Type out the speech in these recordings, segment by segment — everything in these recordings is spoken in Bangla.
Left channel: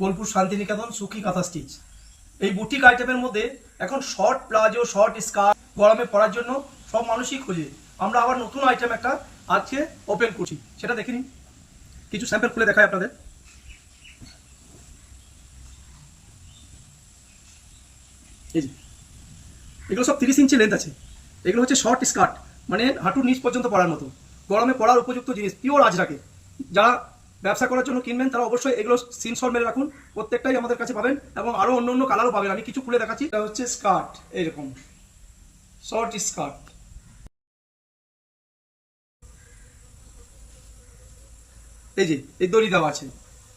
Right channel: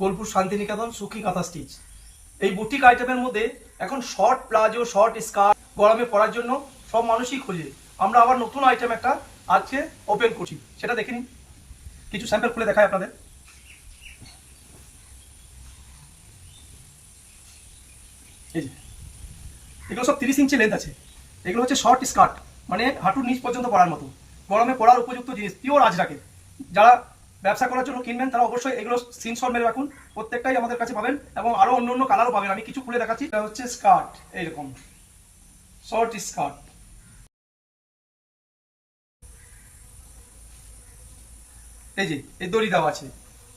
বোলপুর শান্তিনিকেতন সুখী কাঁথা স্টিচ। এই বুটিক আইটেমের মধ্যে এখন শর্ট প্লাজো, শর্ট স্কার্ট গরমে পরার জন্য সব মানুষই খোঁজে। আমরা আবার নতুন আইটেম একটা আজকে ওপেন করছি, সেটা দেখে নিন। কিছু স্যাম্পল খুলে দেখাই আপনাদের। এই যে এগুলো সব 30 ইঞ্চি লেন্থ আছে। এগুলো হচ্ছে শর্ট স্কার্ট, মানে হাঁটুর নিচ পর্যন্ত পরার মতো, গরমে পরার উপযুক্ত জিনিস, পিওর আজরাকের। যারা ব্যবসা করার জন্য কিনবেন তারা অবশ্যই এগুলো স্ক্রিনশট মেরে রাখুন, প্রত্যেকটাই আমাদের কাছে পাবেন এবং আরো অন্য অন্য কালারও পাবেন। আমি কিছু খুলে দেখাচ্ছি। এটা হচ্ছে স্কার্ট, এইরকম শর্ট স্কার্ট। এই যে এই দড়ি দেওয়া আছে,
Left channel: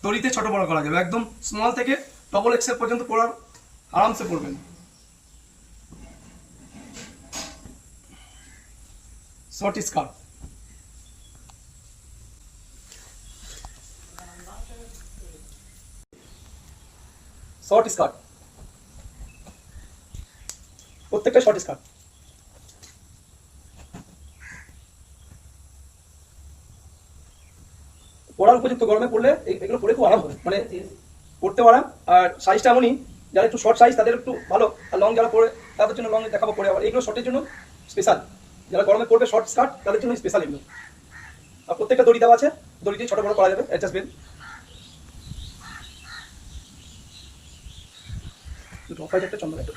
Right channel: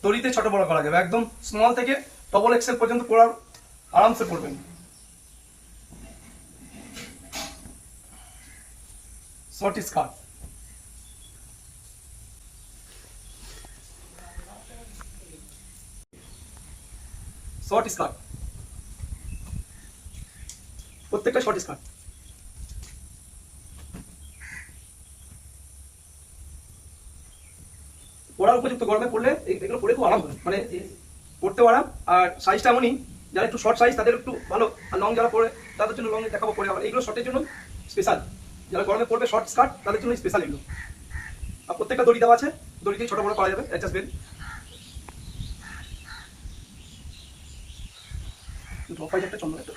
দড়িতে ছোট বড় করা যাবে, একদম স্মল থেকে ডবল এক্সেল পর্যন্ত পরার আরামসে পরবেন। শর্ট স্কার্ট, শর্ট স্কার্ট, প্রত্যেকটা শর্ট স্কার্ট। পরার উপযুক্ত, গরমে পড়লে এগুলো পরে খুব আরাম হয়, মানে পড়তেও আরাম। আর সাইজটা এমনই, যারা একটু শর্ট সাইজ তাদের একটু ভালো, আর লং যারা পরে তাদের জন্য লং দেখাবো পরে। আবার এগুলো শর্টের জন্য স্পেশাল, যারা গরমে পড়বে শর্ট স্কার্ট তাদের জন্য স্পেশাল এগুলো। আর প্রত্যেকটা দড়ি দেওয়া আছে, দড়ি দিয়ে ছোট বড় করা যাবে, অ্যাডজাস্টমেন্ট। দুটো অফ হোয়াইট একটা চন্দ্র একটা।